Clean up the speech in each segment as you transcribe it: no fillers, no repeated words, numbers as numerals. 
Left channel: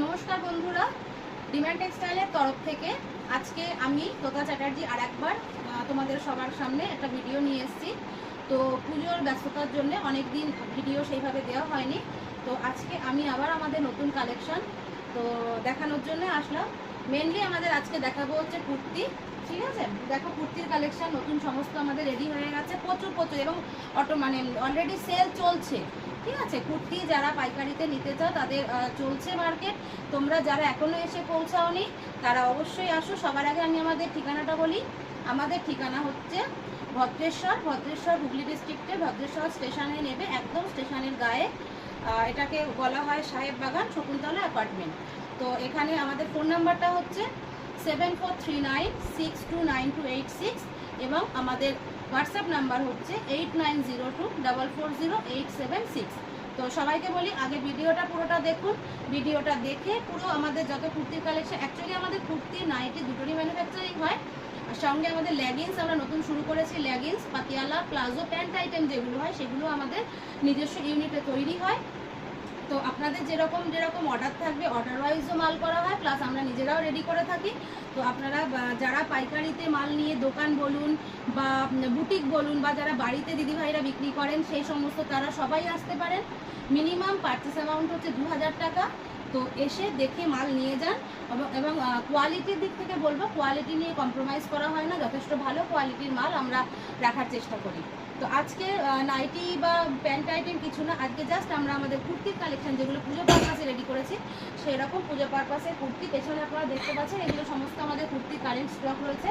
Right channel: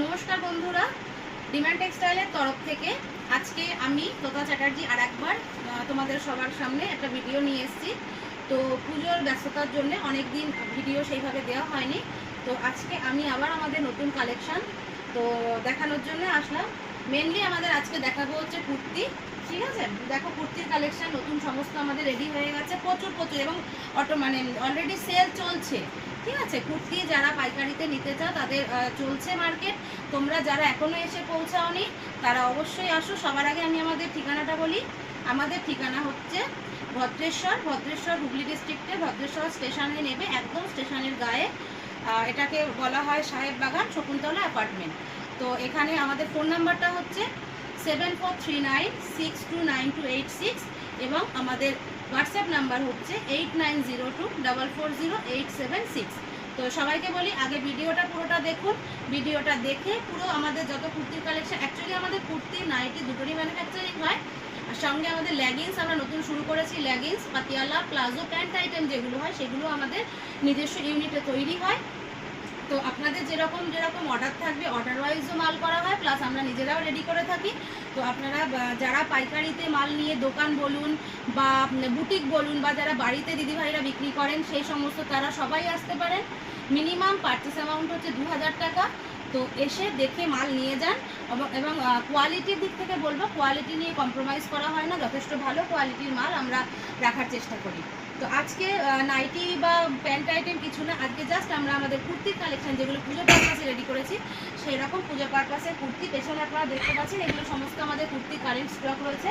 নমস্কার বন্ধুরা, ডিমান্ড টেক্সটাইলের তরফ থেকে আজকে আমি তোতা চ্যাটার্জি আর একবার তোমাদের সবার সামনে একটা ভিডিও নিয়ে এসেছি। তো পুজোর ব্যস্ততার জন্য অনেক দিন ভিডিও সেইভাবে দেওয়া হয়নি। তো আজকে আমি আবার আমাদের নতুন কালেকশন তো দেখানোর জন্য আসলাম। মেনলি আমাদের আজকে দেখাবো হচ্ছে কুর্তি। ঠিক আছে, দেখো কুর্তির কালেকশন নতুন সমস্ত আমাদের রেডি হয়ে গেছে, প্রচুর এবং অলরেডি সেল চলছে। ঠিক আছে, কুর্তি যারা পাইকারিতে নিতে চাও তাদের চলছে মার্কেট। তোমরা যারা এখনো এসে পৌঁছাওনি তারা অবশ্যই আসো। সবার আগে আমি আমাদের ঠিকানাটা বলি। আমাদের ঠিকানা হচ্ছে ভদ্রেশ্বর হুগলি ডিস্ট্রিক্টে ভদ্রেশ্বর স্টেশনে নেবে, একদম স্টেশনের গায়ে। এটাকে বলা হয় সাহেব বাগান শকুন্তলা অ্যাপার্টমেন্ট। তো এখানে আমাদের ফোন নাম্বারটা হচ্ছে 7439629286 এবং আমাদের হোয়াটসঅ্যাপ নাম্বার হচ্ছে 8902440876। তো সবাইকে বলি আগে ভিডিওটা পুরোটা দেখুন। ভিডিওটা দেখে পুরো আমাদের যত কুর্তির কালেকশন, অ্যাকচুয়ালি আমাদের কুর্তি নাইটি দুটোরই ম্যানুফ্যাকচারিং হয়। আর সঙ্গে আমাদের লেগিংস আমরা নতুন শুরু করেছি। Leggings, Patiala, palazzo, pant item যেগুলো হয় সেগুলো আমাদের নিজস্ব ইউনিটে তৈরি হয়। তো আপনাদের যেরকম অর্ডার থাকবে অর্ডার ওয়াইজও মাল করা হয়, প্লাস আমরা নিজেরাও রেডি করে থাকি। তো আপনারা যারা পাইকারিতে মাল নিয়ে দোকান বলুন বা বুটিক বলুন বা যারা বাড়িতে দিদিভাইরা বিক্রি করেন সেই সমস্ত তারা সবাই আসতে পারেন। মিনিমাম পারচেস অ্যামাউন্ট হচ্ছে 2000 টাকা। তো এসে দেখে মাল নিয়ে যান এবং কোয়ালিটির দিক থেকে বলবো কোয়ালিটি নিয়ে কম্প্রোমাইজ করা হয় না, যথেষ্ট ভালো কোয়ালিটির মাল আমরা রাখার চেষ্টা করি। তো আজকে নাইটি বা প্যান্ট আইটেম কিছু না, আজকে জাস্ট আমরা আমাদের কুর্তির কালেকশন যেগুলো পুজো পারপাসে রেডি করেছি সেই রকম পুজো পারপাসে কুর্তি পেছনে আপনারা দেখতে পাচ্ছেন। এগুলো সমস্ত আমাদের কুর্তি কারেন্ট স্টক রয়েছে,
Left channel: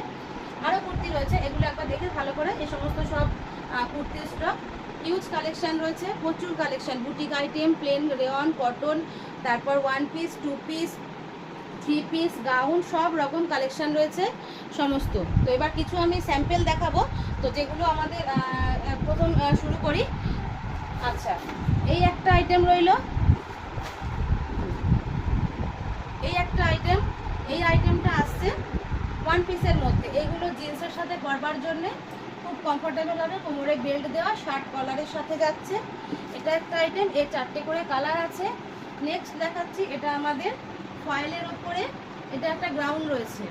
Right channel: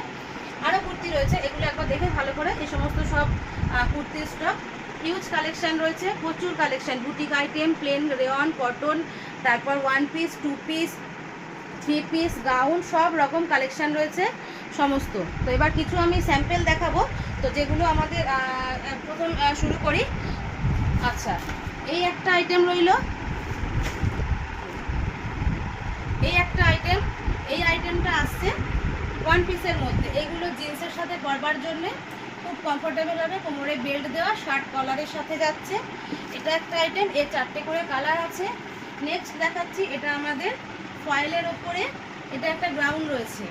আরও কুর্তি রয়েছে, এগুলো একবার দেখে ভালো করে। এই সমস্ত সব কুর্তির স্টক, হিউজ কালেকশন রয়েছে, প্রচুর collection, boutique item, plain, rayon, cotton, তারপর 1 পিস, 2 পিস, 3 পিস, গাউন, সব রকম কালেকশন রয়েছে সমস্ত। তো এবার কিছু আমি স্যাম্পেল দেখাবো। তো যেগুলো আমাদের প্রথম শুরু করি। আচ্ছা, এই একটা আইটেম রইল, এই একটা আইটেম। এই আইটেমটা আসছে 1 পিসের মধ্যে। এইগুলো জিন্সের সাথে পরবার জন্য খুব কমফোর্টেবল হবে, কোমরে বেল্ট দেওয়া, শার্ট কলারের সাথে যাচ্ছে। এটা একটা আইটেম, এর 4টে করে কালার আছে। নেক্সট দেখাচ্ছি, এটা আমাদের ফয়েলের ওপরে, এটা একটা গ্রাউন্ড রয়েছে।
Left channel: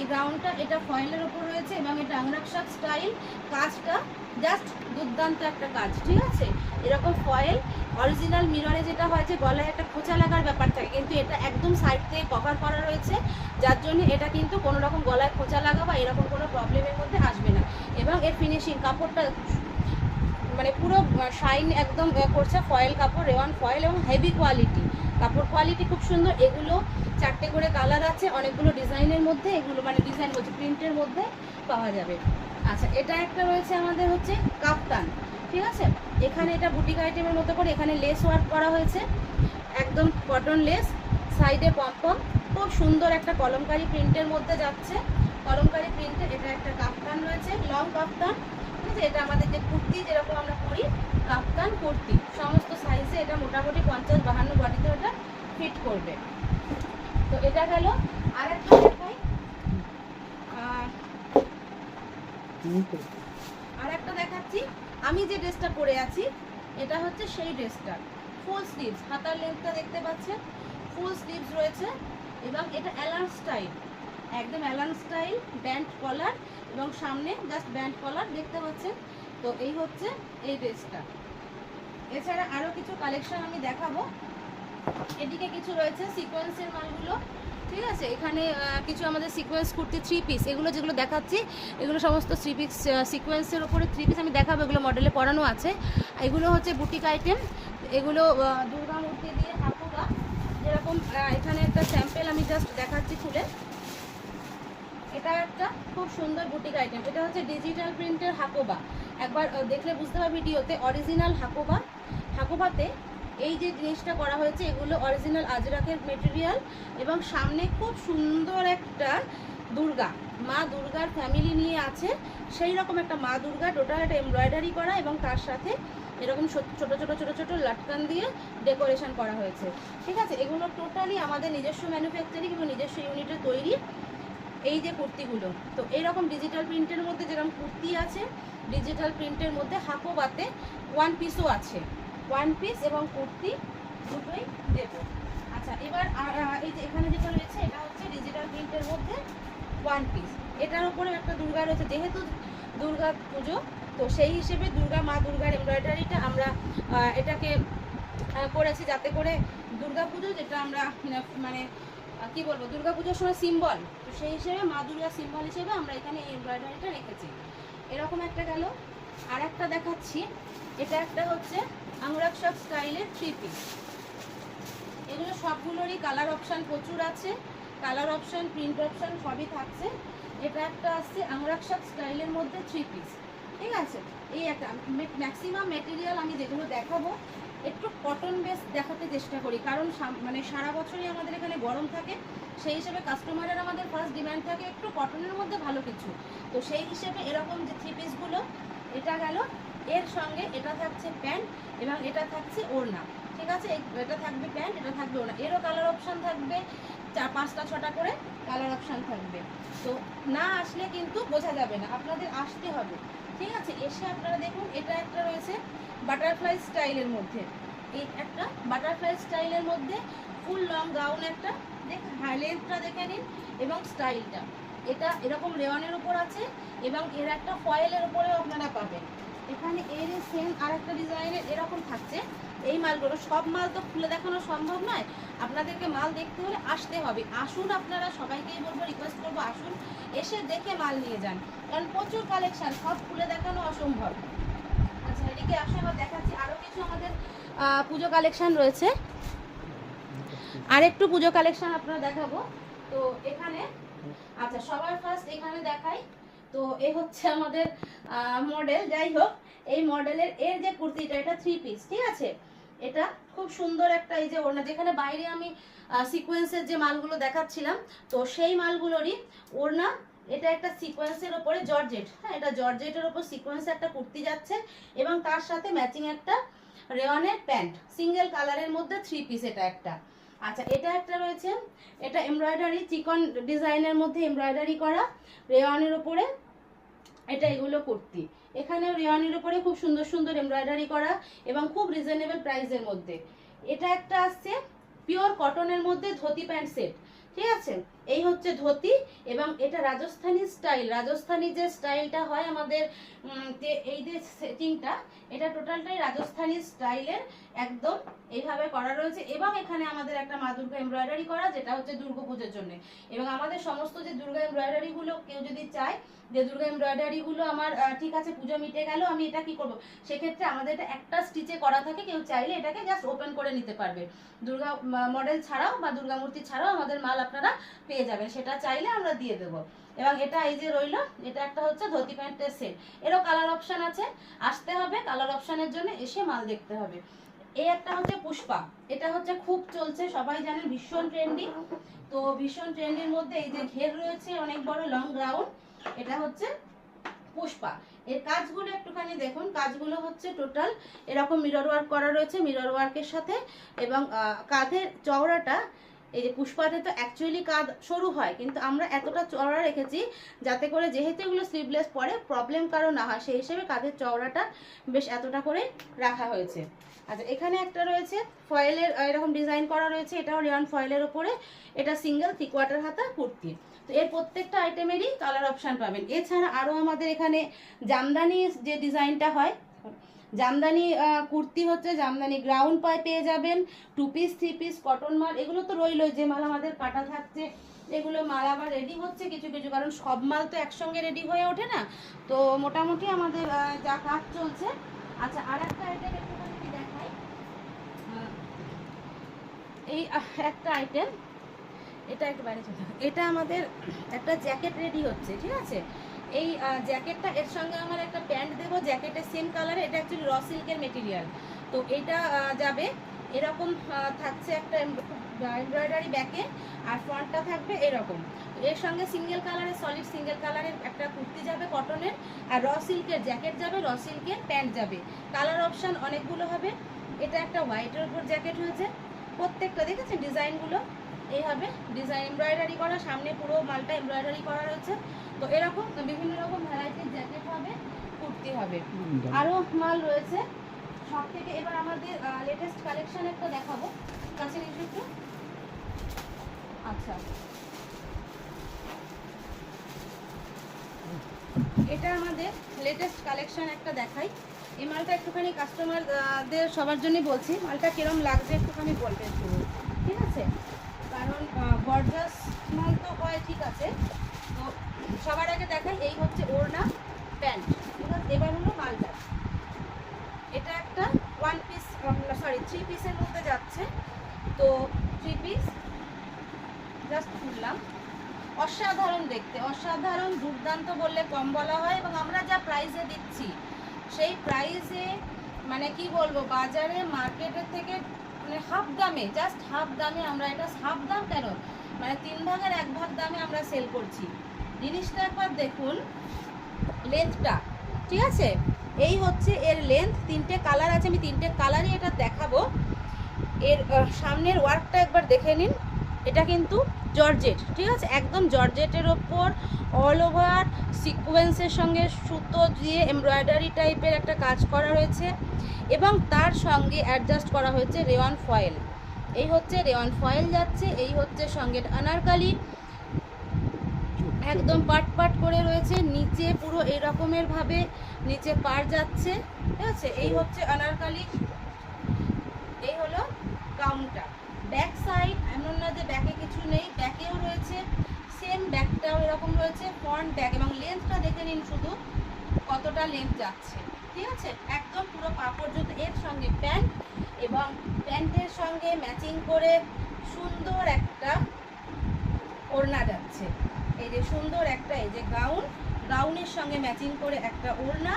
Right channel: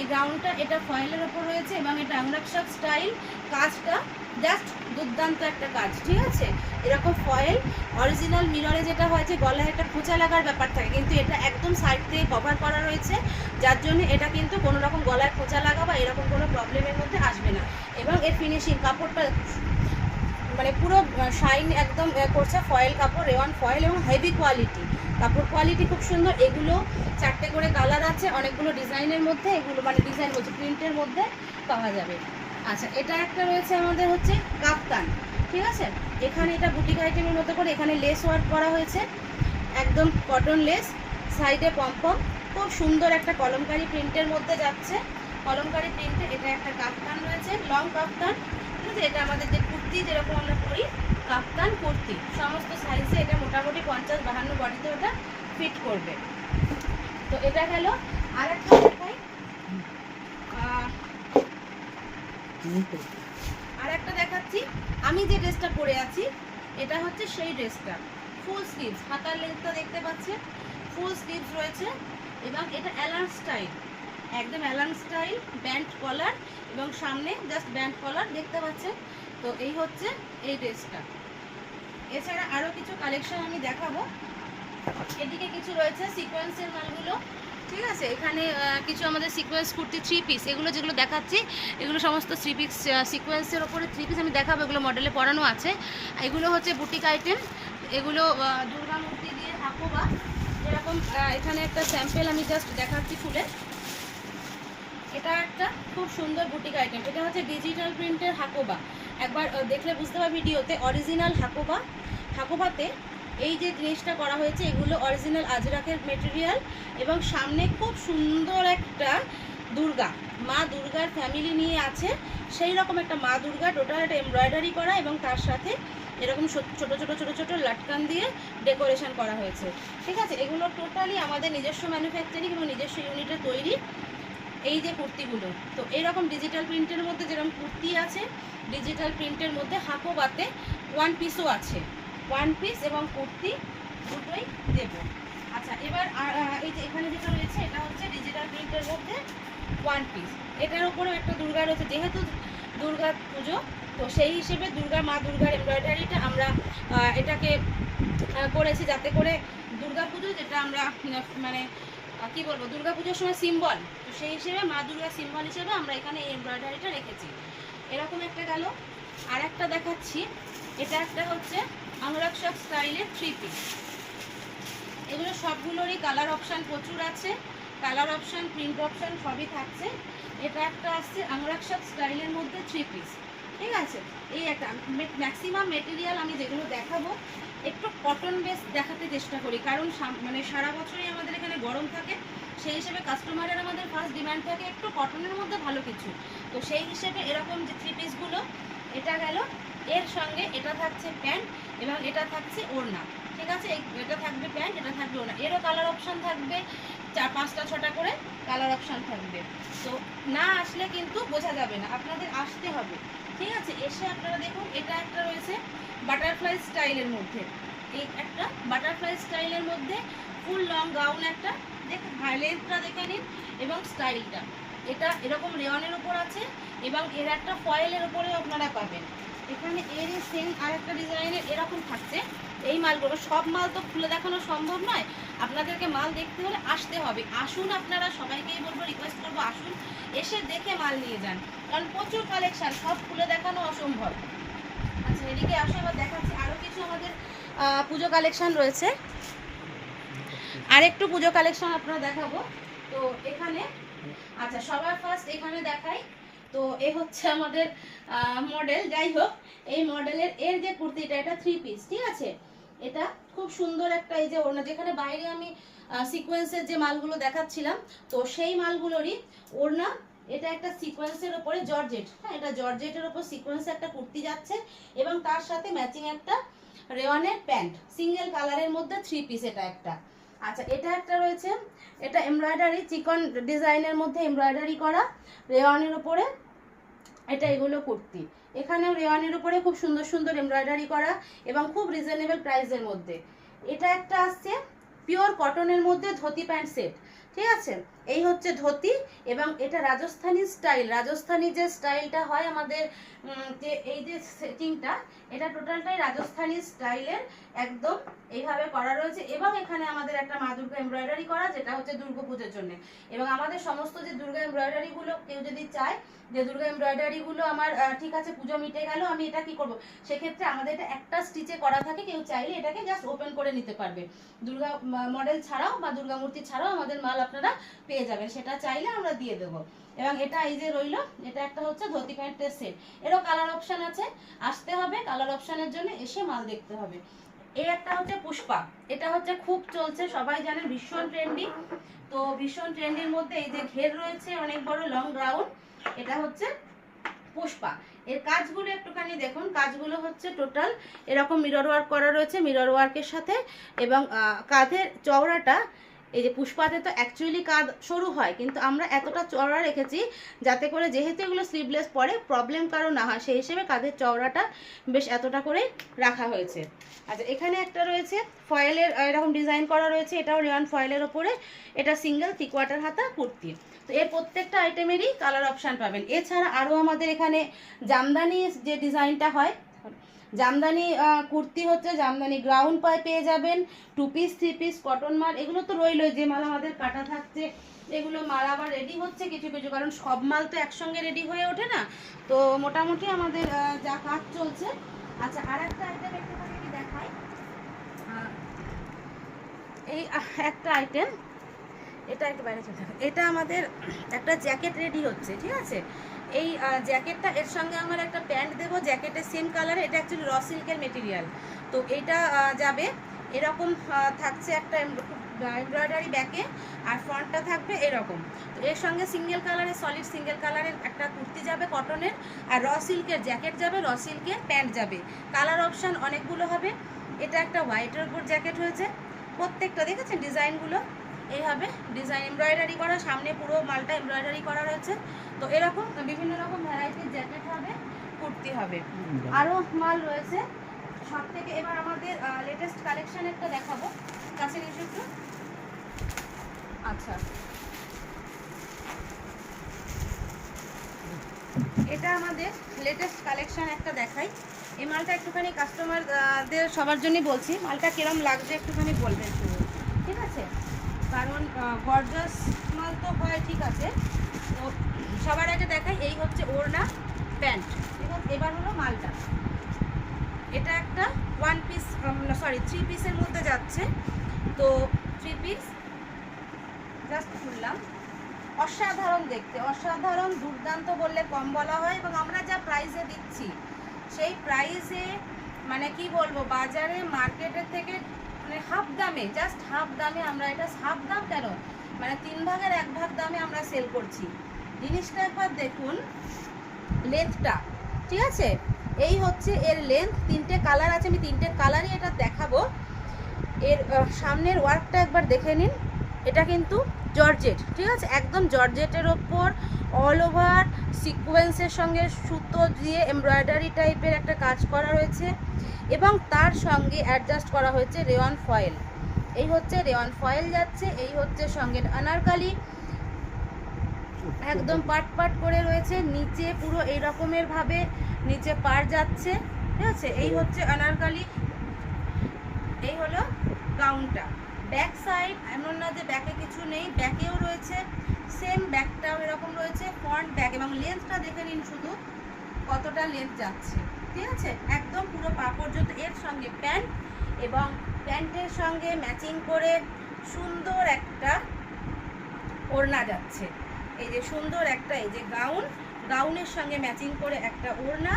এই গ্রাউন্ডটা এটা ফয়েলের ওপর রয়েছে এবং এটা আংরাকশাক স্টাইল। কাজটা জাস্ট দুর্দান্ত একটা কাজ। ঠিক আছে, এরকম ফয়েল অরিজিনাল মিররে যেটা হয় যে গলায় একটা খোঁচা লাগার ব্যাপার থাকে, কিন্তু এটা একদম সাইড থেকে কভার করা রয়েছে, যার জন্য এটা কিন্তু কোনো রকম গলায় খোঁচা লাগা বা এরকম কোনো প্রবলেমের মধ্যে আসবে না। এবং এর ফিনিশিং, কাপড়টা মানে পুরো শাইন একদম করছে। ফয়েল কাপড়, রেওয়ান ফয়েল এবং হেভি কোয়ালিটি, কাপড় কোয়ালিটি খুব সুন্দর। এগুলো 4টে করে কালার আছে, অনেকগুলো ডিজাইনের মধ্যে, এগুলো মানে ডিজাইন বলছে প্রিন্টের মধ্যে পাওয়া যাবে। আচ্ছা, এটা একটা রয়েছে আমাদের হচ্ছে কাপ্তান। ঠিক আছে, এখানে এটা বুটিক আইটেমের মতো করে এখানে লেস ওয়ার্ক করা হয়েছে, একদম কটন লেস, সাইডে পম্পম, খুব সুন্দর একটা কলমকারি প্রিন্টের মধ্যে যাচ্ছে। কলমকারি প্রিন্টে এটা একটা কাপ্তান রয়েছে, লং কাপ্তান। ঠিক আছে, এটা আমাদের যে কুর্তি যেরকম আমরা পরি কাপ্তান কুর্তি, সমস্ত সাইজে এটা মোটামুটি 50-52 বডিতে ওটা ফিট করবে। তো এটা গেল। আর একটা দেখাই, আর একটা দেখাচ্ছি। আমি যে ড্রেসটা পরে আছি এটা হচ্ছে সেই ড্রেসটা, ফুল স্লিভস, হাতার লেন্থটা দেখতে পাচ্ছেন, ফুল স্লিভস রয়েছে এবং এটা অ্যালান স্টাইল, একদম অ্যালান স্টাইল, ব্যান্ড কলার এবং সামনে জাস্ট ব্যান্ড কলার দেখতে পাচ্ছেন। তো এই হচ্ছে এই ড্রেসটা। এছাড়া আরও কিছু কালেকশন আমি দেখাবো। এদিকে কিছু রয়েছে সিকোয়েন্সের মালগুলো। ঠিক আছে, এখানে কিছু আমাদের সিকোয়েন্স কুর্তি 3 পিস, এগুলো যেগুলো দেখাচ্ছি এগুলো সমস্ত 3 পিস সিকোয়েন্সের ওপরে 3 পিস আমি দেখাবো, এগুলো মডেলে পরানো আছে। এগুলো হচ্ছে বুটিক আইটেম, এগুলো দুর্গা মূর্তি দিয়ে হাকোবা যেরকম। এখানে একটা স্যাম্পেল আমি জাস্ট দেখাচ্ছি খুলে। এটা একটা খুব সুন্দর বুটিক আইটেম, এটা হচ্ছে ডিজিটাল প্রিন্টের হাকোবা। একবার দেখলে বুঝতে পারবে ভিডিওতে অরিজিনাল হাকোবা। হাকোবাতে এই যে জিনিসটা করা হয়েছে এগুলো অরিজিনাল আজরাকের মেটেরিয়াল এবং সামনে খুব সুন্দর একটা দুর্গা, মা দুর্গার ফ্যামিলি নিয়ে আছে সেই রকম একটা মা দুর্গা, টোটাল একটা এমব্রয়ডারি করা এবং তার সাথে এরকম ছোট ছোট লাটকান দিয়ে ডেকোরেশন করা হয়েছে। ঠিক আছে, এগুলো টোটালি আমাদের নিজস্ব ম্যানুফ্যাকচারিং এবং নিজস্ব ইউনিটে তৈরি এই যে কুর্তিগুলো। তো এইরকম ডিজিটাল প্রিন্টের মধ্যে যেরকম কুর্তি আছে, ডিজিটাল প্রিন্টের মধ্যে হাকোবাতে 1 পিসও আছে, 1 পিস এবং কুর্তি দুটোই দেব। আচ্ছা এবার এই যে এখানে যেটা রয়েছে এটা হচ্ছে ডিজিটাল প্রিন্টের মধ্যে ওয়ান পিস। এটার উপরে একটা দুর্গা রয়েছে, যেহেতু দুর্গা পুজো তো সেই হিসেবে মা দুর্গার এমব্রয়ডারিটা আমরা এটাকে করেছি, যাতে করে দুর্গা পুজো যেটা আমরা মানে কি বলবো দুর্গা পুজোর সময় সিম্বল, তো সেই হিসেবে মা দুর্গা সিম্বল হিসেবে আমরা এখানে এই এমব্রয়ডারিটা রেখেছি। এরকম একটা গেল। আর একটা দেখাচ্ছি, এটা একটা হচ্ছে আনুরাগ স্টাইলের 3 পিস। এগুলো সবগুলোরই কালার অপশান প্রচুর আছে, কালার অপশান প্রিন্ট অপশান সবই থাকছে। এটা একটা আসছে আনুরাগ স্টাইলের মধ্যে 3 পিস, ঠিক আছে। এই একটা ম্যাক্সিমাম মেটেরিয়াল আমি যেগুলো দেখাবো একটু কটন বেস দেখাতে চেষ্টা করি, কারণ মানে সারা বছরই আমাদের এখানে গরম থাকে, সেই হিসেবে কাস্টমারের আমাদের ফার্স্ট ডিমান্ড থাকে একটু কটনের মধ্যে ভালো কিছু। তো সেই হিসেবে এরকম যে 3 পিসগুলো, এটা গেল। এর সঙ্গে এটা থাকছে প্যান্ট এবং এটা থাকছে ওড়না, ঠিক আছে। এটা থাকবে প্যান্ট, এটা থাকবে ওড়না। এরও কালার অপশান থাকবে 4-5টা 6টা করে কালার অপশান থাকবে। তো না আসলে কিন্তু বোঝা যাবে না, আপনাদের আসতে হবে, ঠিক আছে। এসে আপনারা দেখুন, এটা একটা রয়েছে বাটারফ্লাই স্টাইলের মধ্যে, এই একটা বাটারফ্লাই স্টাইলের মধ্যে ফুল লং গাউন একটা, দেখুন হাইলাইটটা দেখে নিন এবং স্টাইলটা। এটা এরকম রেওয়ানের উপর আছে এবং এর একটা ফয়েলের উপরেও আপনারা পাবেন। এখানে এর সেম আর একটা ডিজাইনের এরকম থাকছে। এই মালগুলো সব মাল তো খুলে দেখানো সম্ভব নয়, আপনাদেরকে মাল দেখতে হলে আসতে হবে। আসুন, আপনারা সবাইকেই বলবো, রিকোয়েস্ট করবো আসুন, এসে দেখে মাল নিয়ে যান, কারণ প্রচুর কালেকশান, সব খুলে দেখানো অসম্ভব। আচ্ছা এদিকে আসে, আমরা দেখাচ্ছি আরও কিছু আমাদের পুজো কালেকশান রয়েছে। আর একটু পুজো কালেকশান আপনারা দেখাবো। তো এখানে আচ্ছা সবার ফার্স্ট এখানে দেখাই, তো এ হচ্ছে আমাদের মডেল। যাই হোক, এই মডেলের এর যে কুর্তিটা, এটা 3 পিস, ঠিক আছে। এটা খুব সুন্দর একটা, এই যে ওড়না, যেখানে বাইরে আমি সিকোয়েন্সের যে মালগুলো দেখাচ্ছিলাম, তো সেই মালগুলোরই ওড়না। এটা একটা সিকোয়েন্সের ওপরে জর্জেট, হ্যাঁ এটা জর্জেটের ওপর সিকোয়েন্সের একটা কুর্তি যাচ্ছে এবং তার সাথে ম্যাচিং একটা রেওয়ানের প্যান্ট, সিঙ্গেল কালারের মধ্যে 3 পিস এটা একটা। আচ্ছা এটা একটা রয়েছে, এটা এমব্রয়ডারি চিকন ডিজাইনের মধ্যে এমব্রয়ডারি করা রেওয়ানের উপরে, এটা এগুলো কুর্তি। এখানেও রেওয়ানের উপরে খুব সুন্দর সুন্দর এমব্রয়ডারি করা এবং খুব রিজনেবল প্রাইসের মধ্যে। এটা একটা আসছে পিওর কটনের মধ্যে ধুতি প্যান্ট সেট, ঠিক আছে। এই হচ্ছে ধুতি এবং এটা রাজস্থানি স্টাইল, রাজস্থানি যে স্টাইলটা হয় আমাদের, এই যে সেটিংটা, এটা টোটালটাই রাজস্থানি স্টাইলের একদম এইভাবে করা রয়েছে। এবং এখানে আমাদের একটা মা দুর্গা এমব্রয়ডারি করা, যেটা হচ্ছে দুর্গা পুজোর জন্য। এবং আমাদের সমস্ত যে দুর্গা এমব্রয়ডারিগুলো কেউ যদি চায় যে দুর্গা এমব্রয়ডারিগুলো আমার ঠিক আছে পুজো মিটে গেল, আমি এটা কি করব, সেক্ষেত্রে আমাদের এটা একটা স্টিচে করা থাকে, কেউ চাইলে এটাকে জাস্ট ওপেন করে নিতে পারবে। দুর্গা মডেল ছাড়াও বা দুর্গা মূর্তি ছাড়াও আমাদের মাল আপনারা পেয়ে যাবেন, সেটা চাইলে আমরা দিয়ে দেবো। এবং এটা এই যে রইলো, এটা একটা হচ্ছে ধুতি প্যান্টের সেট, এরও কালার অপশান আছে, আসতে হবে কালার অপশানের জন্য, এসে মাল দেখতে হবে। এই একটা হচ্ছে পুষ্পা, এটা হচ্ছে খুব চলছে, সবাই জানেন ভীষণ ট্রেন্ডি। তো ভীষণ ট্রেন্ডির মধ্যে এই যে ঘের রয়েছে অনেক বড় লং গ্রাউন্ড, এটা হচ্ছে পুষ্পা। এর কাজগুলো একটুখানি দেখুন, কাজগুলো হচ্ছে টোটাল এরকম মিরর ওয়ার্ক করা রয়েছে, মিরর ওয়ার্কের সাথে। এবং কাঁধের চওড়াটা, এই যে পুষ্পাতে তো অ্যাকচুয়ালি কাঁধ সরু হয়, কিন্তু আমরা এতটা চওড়া রেখেছি যাতে করে যেহেতু এগুলো স্লিভলেস পরে প্রবলেম কারো না হয়, সেই হিসেবে কাঁধের চওড়াটা বেশ এতটা করে রাখা হয়েছে। আচ্ছা এখানে একটা রয়েছে ফয়েলের এরকম ডিজাইন করা রয়েছে, এটাও রেওয়ান ফয়েলের ওপরে, এটা সিঙ্গেল 3/4 হাতা কুর্তি। তো এর প্রত্যেকটা আইটেমেরই কালার অপশান পাবেন। এছাড়া আরও আমাদের এখানে জামদানি যে ডিজাইনটা হয়, জামদানি কুর্তি হচ্ছে জামদানি গ্রাউন্ড পায়ে পেয়ে যাবেন, 2 পিস 3 পিস কটন মাল, এগুলো তো রইলই, যে মাল আমাদের কাটা থাকছে এগুলো মাল আবার রেডি হচ্ছে কিছু কিছু, কারণ সব মাল তো একসঙ্গে রেডি হয়ে ওঠে না, তো মোটামুটি আমাদের যা কাজ চলছে। আচ্ছা আর একটা আইটেম একটুখানি দেখাই, এই একটা আইটেম, এটা একটু বাইরে চলে, এটা আমাদের একটা জ্যাকেট রেডি হচ্ছে, ঠিক আছে। এই জ্যাকেটটা, এর সঙ্গে আমার একটা প্যান্ট দেবো জ্যাকেটের সেম কালারে, এটা অ্যাকচুয়ালি র সিল্কের মেটেরিয়াল। তো এইটা যাবে এরকম, থাকছে একটা এমব্রয়ডারি ব্যাকে, আর ফ্রন্টটা থাকবে এরকম। তো এর সঙ্গে সিঙ্গেল কালারের, সলিড সিঙ্গেল কালারের একটা কুর্তি যাবে কটনের, আর র সিল্কের জ্যাকেট যাবে, র সিল্কের প্যান্ট যাবে। কালার অপশান অনেকগুলো হবে। এটা একটা হোয়াইটের উপর জ্যাকেট হয়েছে, প্রত্যেকটা দেখেছেন ডিজাইনগুলো এইভাবে ডিজাইন এমব্রয়ডারি করা, সামনে পুরো মালটা এমব্রয়ডারি করা রয়েছে। তো এরকম বিভিন্ন রকম ভ্যারাইটির জ্যাকেট হবে, কুর্তি হবে, আরও মাল রয়েছে সব থেকে। এবার আমাদের লেটেস্ট কালেকশান একটা দেখাবো, কাছে নিচে একটু আচ্ছা, এটা আমাদের লেটেস্ট কালেকশন একটা দেখাই। এই মালটা একটুখানি কাস্টমারদের সবার জন্যই বলছি, মালটা কিরম লাগছে একটুখানি বলবেন শুধু, ঠিক আছে? কারণ গর্জাস মাল তো হয়, ঠিক আছে। তো সবার আগে দেখাই, এই হচ্ছে ওড়না প্যান্ট, ঠিক আছে? এবার হলো মালটা, এটা একটা 3 পিসের মধ্যে যাচ্ছে। তো 3 পিস জাস্ট খুললাম, অসাধারণ দেখতে, অসাধারণ দুর্দান্ত বললে কম বলা হয়। এবং আমরা যা প্রাইসে দিচ্ছি সেই প্রাইসে মানে কি বলবো, বাজারে মার্কেটের থেকে মানে হাফ দামে, জাস্ট হাফ দামে আমরা এটা, হাফ দাম কেন মানে 3 ভাগের 1 ভাগ দামে আমরা সেল করছি। জিনিসটা একবার দেখুন, লেন্থটা, ঠিক আছে? এই হচ্ছে এর লেন্থ, 3টে কালার আছে, আমি 3টে কালারই এটা দেখাবো। এর সামনের ওয়ার্কটা একবার দেখে নিন, এটা কিন্তু জর্জেট, ঠিক আছে? একদম জর্জেটের ওপর অল ওভার সিকোয়েন্সের সঙ্গে সুতো দিয়ে এমব্রয়ডারি টাইপের একটা কাজ করা রয়েছে এবং তার সঙ্গে অ্যাডজাস্ট করা হয়েছে রেওয়ান ফয়েল। এই হচ্ছে রেওয়ান ফয়েল যাচ্ছে, এই হচ্ছে সঙ্গে আনারকালি, একদম পাট পাট করে রয়েছে, নিচে পুরো এই রকমের ভাবে নিচে পার যাচ্ছে, ঠিক আছে? এই হচ্ছে আনারকালি, এই হলো গাউনটা। ব্যাক সাইড এমন না যে ব্যাকে কিছু নেই, ব্যাকেও রয়েছে, সেম ব্যাকটাও এরকম রয়েছে, ফ্রন্ট ব্যাক। এবং লেন্থটা দেখে নিন শুধু কতটা লেন্থ যাচ্ছে, ঠিক আছে? একদম পুরো পা পর্যন্ত। এর সঙ্গে প্যান্ট এবং প্যান্টের সঙ্গে ম্যাচিং করে সুন্দর একটা ওড়না যাচ্ছে। এই যে সুন্দর একটা, এই যে গাউন, গাউনের সঙ্গে ম্যাচিং করে একটা ওড়না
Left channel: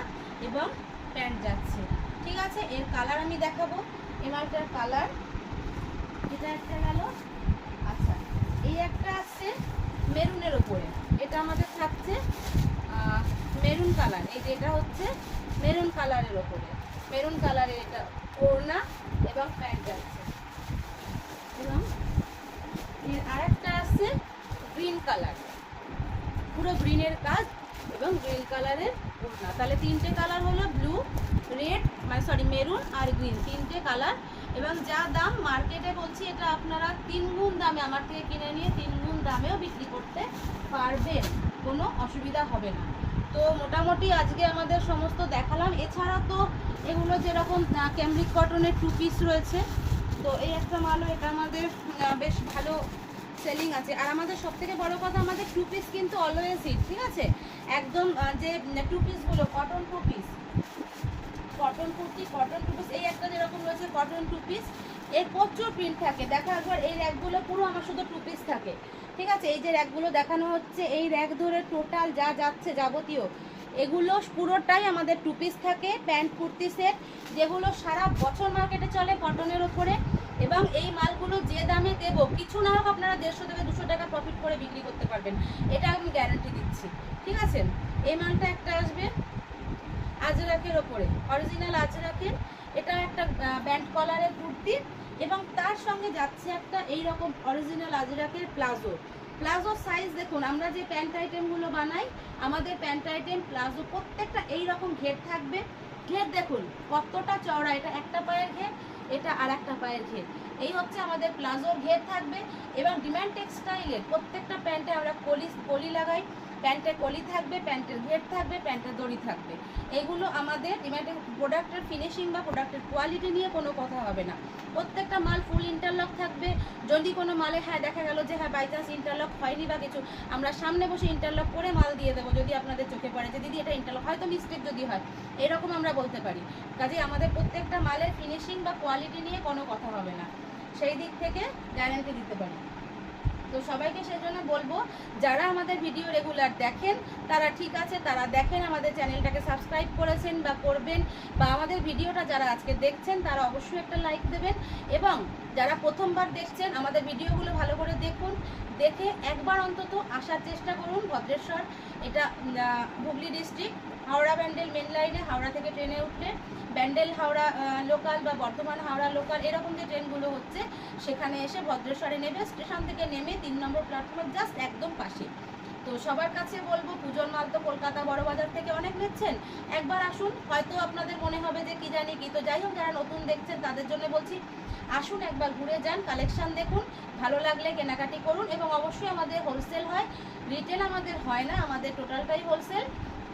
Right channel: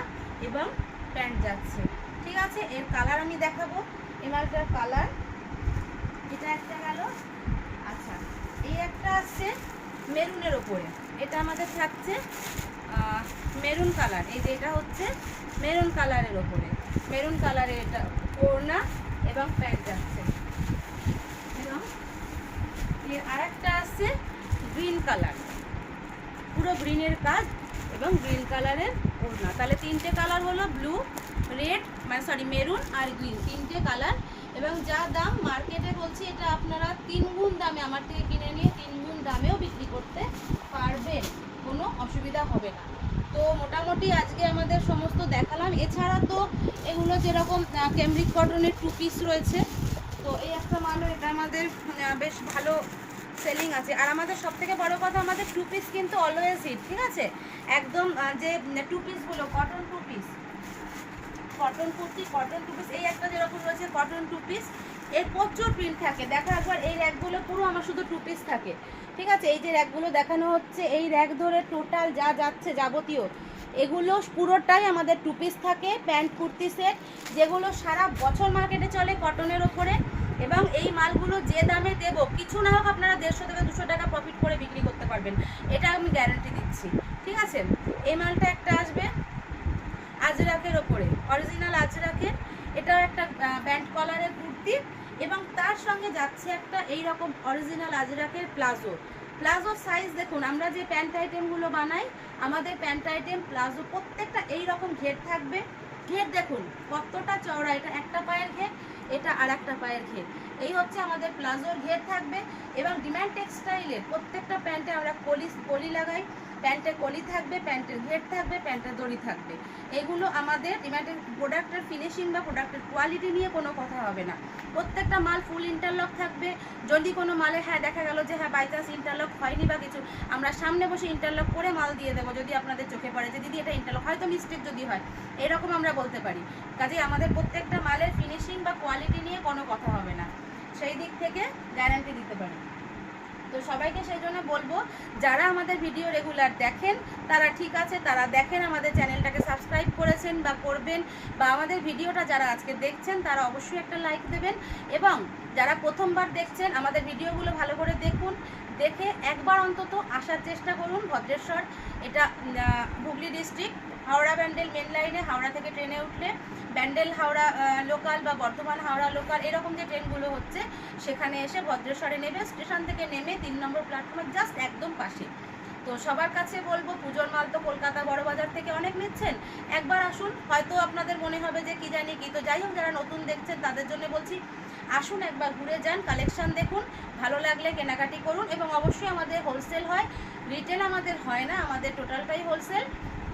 এবং প্যান্ট যাচ্ছে, ঠিক আছে? এর কালার আমি দেখাবো, এই মালটার কালার, এটা একটা গেল। আচ্ছা, এই একটা আসছে মেরুনের ওপরে, এটা আমাদের থাকছে মেরুন কালার। এই যে এটা হচ্ছে মেরুন কালারের ওপরে, মেরুন কালারের এটা ওড়না এবং প্যান্ট যাচ্ছে। এবং এর আরেকটা আসছে গ্রিন কালার, পুরো গ্রিনের কাজ এবং গ্রিন কালারের ওড়না। তাহলে 3টে কালার হলো, ব্লু, রেড, মানে সরি মেরুন আর গ্রিন, 3টে কালার। এবং যা দাম মার্কেটে বলছি, এটা আপনারা 3 গুণ দামে আমার থেকে কিনে নিয়ে 3 গুণ দামেও বিক্রি করতে পারবেন, কোনো অসুবিধা হবে না। তো মোটামুটি আজকে আমাদের সমস্ত দেখালাম। এছাড়া তো এগুলো যেরকম ক্যামব্রিক কটনের 2 পিস রয়েছে, তো এই একটা মালও, এটা আমাদের বেশ ভালো সেলিং আছে। আর আমাদের সব থেকে বড় কথা, আমাদের 2 পিস কিন্তু অলওয়েজ হিট, ঠিক আছে? একদম যে 2 পিসগুলো cotton 2 piece, cotton kurti, cotton 2 piece, এই একটা যেরকম রয়েছে কটন 2 পিস, এর প্রচুর প্রিন্ট থাকে। দেখো একবার এই র্যাকগুলো পুরো আমার শুধু 2 পিস থাকে, ঠিক আছে? এই যে র্যাকগুলো দেখানো হচ্ছে, এই র্যাক ধরে টোটাল যা যাচ্ছে যাবতীয় এগুলো পুরোটাই আমাদের 2 পিস থাকে, প্যান্ট কুর্তি সেট, যেগুলো সারা বছর মার্কেটে চলে কটনের ওপরে। এবং এই মালগুলো যে দামে দেব, কিছু না হোক আপনারা 150 থেকে 200 টাকা প্রফিট করে বিক্রি করতে পারবেন, এটা আমি গ্যারান্টি দিচ্ছি, ঠিক আছে? এই মালটা একটা আসবে আজরাকের ওপরে, অরিজিনাল আজরাকের, এটা একটা ব্যান্ড কলারের কুর্তি এবং তার সঙ্গে যাচ্ছে একটা এই রকম অরিজিনাল আজরাকের প্লাজো। প্লাজো সাইজ দেখুন, আমরা যে প্যান্ট আইটেমগুলো বানাই, আমাদের প্যান্ট আইটেম প্লাজো প্রত্যেকটা এই রকম ঘের থাকবে। ঘের দেখুন কতটা চওড়া, এটা একটা পায়ের ঘের, এটা আর একটা পায়ের ঘের, এই হচ্ছে আমাদের প্লাজোর ঘের থাকবে। এবং ডিমান্ড টেক্সটাইলের প্রত্যেকটা প্যান্টে আমরা কলি লাগাই, প্যান্টের কলি থাকবে, প্যান্টের ঘের থাকবে, প্যান্টের দড়ি থাকবে। এগুলো আমাদের ডিমান্ডের প্রোডাক্টের ফিনিশিং বা প্রোডাক্টের কোয়ালিটি নিয়ে কোনো কথা হবে না। প্রত্যেকটা মাল ফুল ইন্টারলক থাকবে। যদি কোনো মালে দেখা গেল যে বাই চান্স ইন্টারলক হয়নি বা কিছু, আমরা সামনে বসে ইন্টারলক করে মাল দিয়ে দেবো, যদি আপনাদের চোখে পড়ে যে দিদি এটা ইন্টারলক, হয়তো মিস্টেক যদি হয়, এরকম আমরা বলতে পারি। কাজেই আমাদের প্রত্যেকটা মালের ফিনিশিং বা কোয়ালিটি নিয়ে কোনো কথা হবে না, সেই দিক থেকে গ্যারান্টি দিতে পারি। তো সবাইকে সেই জন্য বলবো, যারা আমাদের ভিডিও রেগুলার দেখেন তারা ঠিক আছে, তারা দেখেন, আমাদের চ্যানেলটাকে সাবস্ক্রাইব করেছেন বা করবেন, বা আমাদের ভিডিওটা যারা আজকে দেখছেন তারা অবশ্যই একটা লাইক দেবেন। এবং যারা প্রথমবার দেখছেন, আমাদের ভিডিওগুলো ভালো করে দেখুন, দেখে একবার অন্তত আসার চেষ্টা করুন ভদ্রেশ্বর। এটা হুগলি ডিস্ট্রিক্ট, হাওড়া ব্যান্ডেল মেন লাইনে, হাওড়া থেকে ট্রেনে উঠলে ব্যান্ডেল হাওড়া লোকাল বা বর্ধমান হাওড়া লোকাল এরকম যে ট্রেনগুলো হচ্ছে, সেখানে এসে ভদ্রেশ্বরে নেবে, স্টেশন থেকে নেমে 3 নম্বর প্ল্যাটফর্মের জাস্ট একদম পাশে। তো তো সবার কাছে বলবো, পুজোর মাল তো কলকাতা বড় বাজার থেকে অনেক নিচ্ছেন, একবার আসুন। হয়তো আপনাদের মনে হবে যে কি জানি কি, তো যাই হোক যারা নতুন দেখছেন তাদের জন্য বলছি, আসুন একবার ঘুরে যান, কালেকশন দেখুন, ভালো লাগলে কেনাকাটি করুন। এবং অবশ্যই আমাদের হোলসেল হয়, রিটেল আমাদের হয় না, আমাদের টোটালটাই হোলসেল।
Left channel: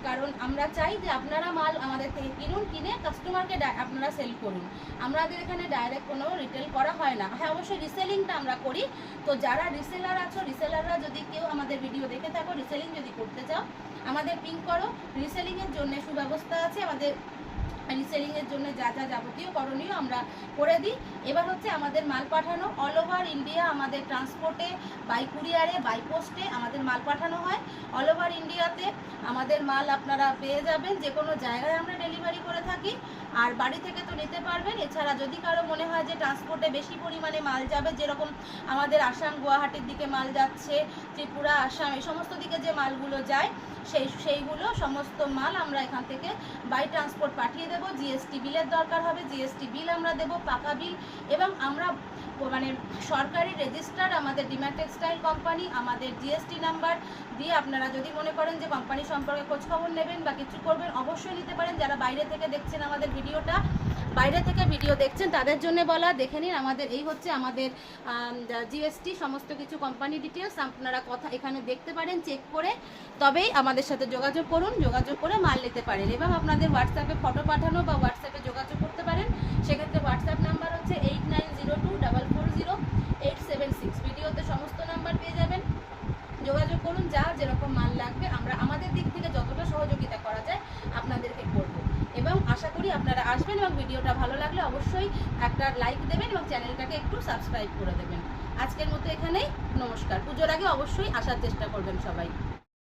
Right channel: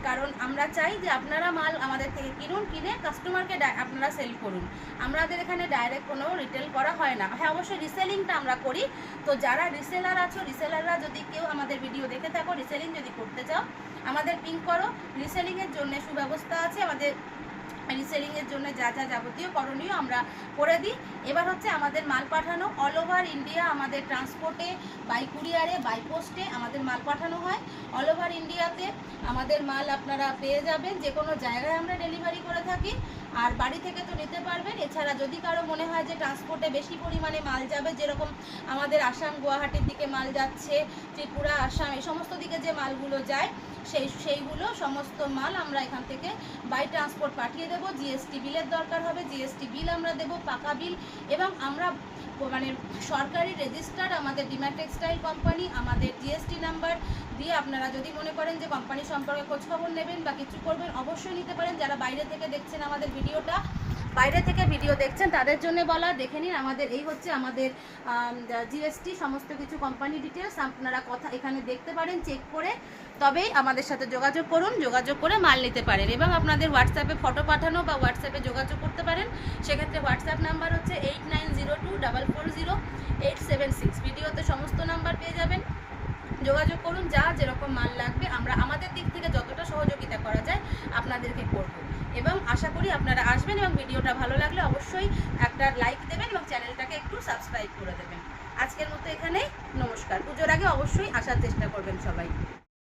কারণ আমরা চাই যে আপনারা মাল আমাদের থেকে কিনুন, কিনে কাস্টমারকে আপনারা সেল করুন। আমাদের এখানে ডাইরেক্ট কোনো রিটেল করা হয় না। হ্যাঁ, অবশ্যই রিসেলিংটা আমরা করি। তো যারা রিসেলার আছো, রিসেলাররা যদি কেউ আমাদের ভিডিও দেখে থাকো, রিসেলিং যদি করতে চাও, আমাদের পিং করো। রিসেলিংয়ের জন্য সুব্যবস্থা আছে আমাদের। রিসেলিংয়ের জন্য যা যা যাবতীয় করণীয় আমরা করে দিই। এবার হচ্ছে আমাদের মাল পাঠানো অল ওভার ইন্ডিয়া, আমাদের ট্রান্সপোর্টে, বাই কুরিয়ারে, বাই পোস্টে আমাদের মাল পাঠানো হয়। অল ওভার ইন্ডিয়াতে আমাদের মাল আপনারা পেয়ে যাবেন, যে কোনো জায়গায় আমরা ডেলিভারি করে থাকি। আর বাড়ি থেকে তো নিতে পারবেন। এছাড়া যদি কারো মনে হয় যে ট্রান্সপোর্টে বেশি পরিমাণে মাল যাবে, যেরকম আমাদের আসাম গুয়াহাটির দিকে মাল যাচ্ছে, ত্রিপুরা, আসাম, এই সমস্ত দিকে যে মালগুলো যায়, সেইগুলো সমস্ত মাল আমরা এখান থেকে বাই ট্রান্সপোর্ট পাঠিয়ে দেবো। জিএসটি বিলের দরকার হবে, জিএসটি বিল আমরা দেবো, পাকা বিল। এবং আমরা মানে সরকারি রেজিস্টার্ড আমাদের ডিম্যাট টেক্সটাইল কোম্পানি, আমাদের জিএসটি নাম্বার দিয়ে আপনারা যদি মনে করেন যে কোম্পানি সম্পর্কে খোঁজখবর নেবেন বা কিছু করবেন, অবশ্যই নিতে পারেন। যারা বাইরে থেকে দেখছেন আমাদের ভিডিওটা, বাইরে থেকে ভিডিও দেখছেন তাদের জন্য বলা, দেখে নিন আমাদের এই হচ্ছে আমাদের জিএসটি সমস্ত কিছু কোম্পানি ডিটেলস আপনারা কথা এখানে দেখতে পারেন, চেক করে তবেই আমাদের সাথে যোগাযোগ করুন, যোগাযোগ করে মাল নিতে পারেন। এবং আপনাদের হোয়াটসঅ্যাপে ফটো পাঠানো বা হোয়াটসঅ্যাপে যোগাযোগ করতে পারেন। সেক্ষেত্রে হোয়াটসঅ্যাপ নাম্বার হচ্ছে 8902440876। ভিডিওতে সমস্ত নাম্বার পেয়ে যাবেন, যোগাযোগ করুন। যা যেরকম মাল লাগবে আমরা আমাদের দিক থেকে যতটা সহযোগিতা করা যায় আপনাদেরকে করব। এবং আশা করি আপনারা আসবেন এবং ভিডিওটা ভালো লাগলে অবশ্যই একটা লাইক দেবেন এবং চ্যানেলটাকে একটু সাবস্ক্রাইব করে দেবেন। আজকের মতো এখানেই, নমস্কার। পুজোর আগে অবশ্যই আসার চেষ্টা করবেন সবাই।